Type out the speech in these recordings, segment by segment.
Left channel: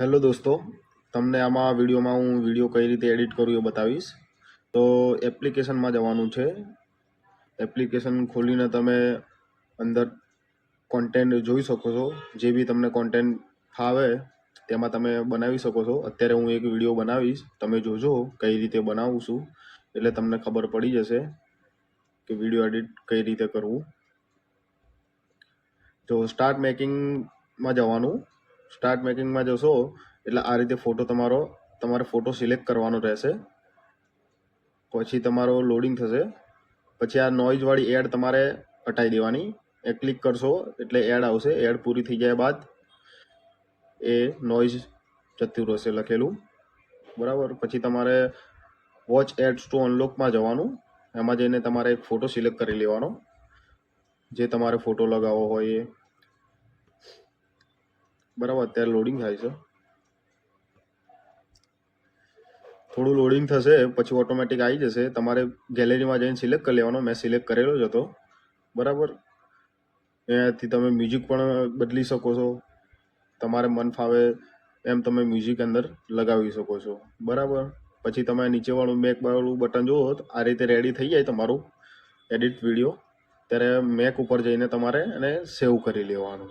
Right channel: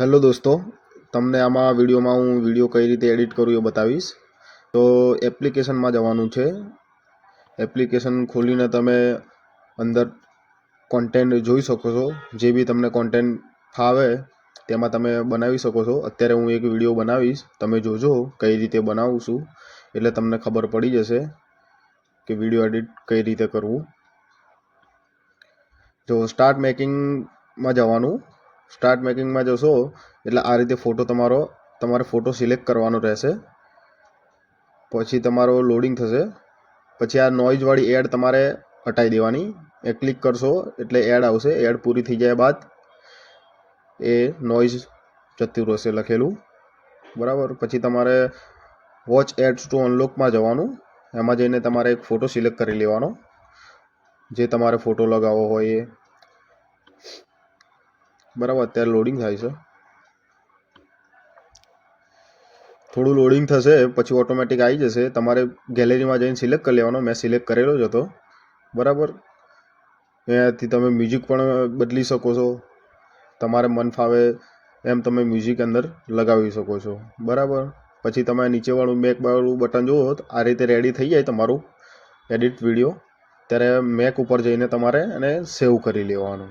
Hello દોસ્તો, તમને આમાં વિડીયોમાં હું વિડીયો કઈ રીતે એડિટ કરું એ બતાવીશ. તો એપ્લિકેશનમાં જવાનું છે. એપ્લિકેશન ખોલીને તમે અંદર કોન્ટેન્ટ જોઈ શકો છો. જે બી તમને કોન્ટેન્ટ ફાવે તેમાં તમે બનાવી શકો છો. અત્યારે હું એક વિડીયો બનાવીશ, તમે જોજો કઈ રીતે બનાવું છું, એટલે તમને ખબર પડી જશે કે વિડીયો એડિટ કઈ રીતે કરવું. તો સ્ટાર્ટ મેકિંગમાં જવાનું. સ્ટાર્ટ મેકિંગમાં જશો એટલે આ રીતે તમારે ફોટો સિલેક્ટ કરવાનો રહેશે. પછી તમારો લોડિંગ થશે. પછી આ નોઇઝવાળી એડ તમારે હટાવી દેવાની. એ ક્લિક કરશો એટલે એડ આવશે. એડ પૂરી થઈ જાય બાદ એ નોઇઝ જતું રહેશે લખેલું, બરાબર. પછી તમારે વોચ એડ્સ ટુ અનલોકમાં જવાનું. એમાં જઈને તમારે એક ફોટો સિલેક્ટ કરી લેવાનો, જે તમારે ફોટો લગાવવો હોય એ, બરાબર. અત્યારે લોડિંગ થાય છે. થોડું લોડિંગ થશે પછી ઓટોમેટિક આવી જશે. તમારે ગેલેરીમાં જઈને સિલેક્ટ કરી લેવાનો. મેં સિલેક્ટ કરેલો જ હતો, બરાબર. એનાથી તમે મ્યુઝિક પણ બદલી શકો છો. તમારે મન ફાવે એમ તમે મ્યુઝિક અંદર લગાવી શકો છો, બરાબર. પછી તમે નીચેવાળું મેકવાળું બટન જુઓ, આ રીતે રેડી થઈ જાય તમારું એડિટ વિડીયો. ત્યારે મેક ઉપર જઈને તમારે એને સેવ કરી લેવાનું,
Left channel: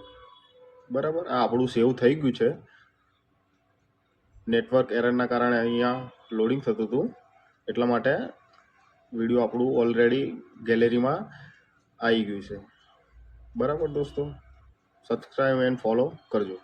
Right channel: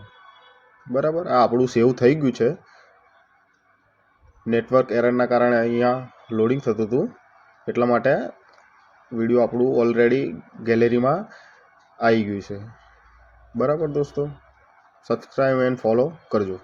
બરાબર. આ આપણું સેવ થઈ ગયું છે. નેટવર્ક એરરના કારણે અહીંયા લોડિંગ થતું હતું, એટલા માટે વિડીયો આપણું ઓલરેડી ગેલેરીમાં આવી ગયું છે, બરાબર. દોસ્તો, સબસ્ક્રાઈબ એન્ડ ફોલો કરજો.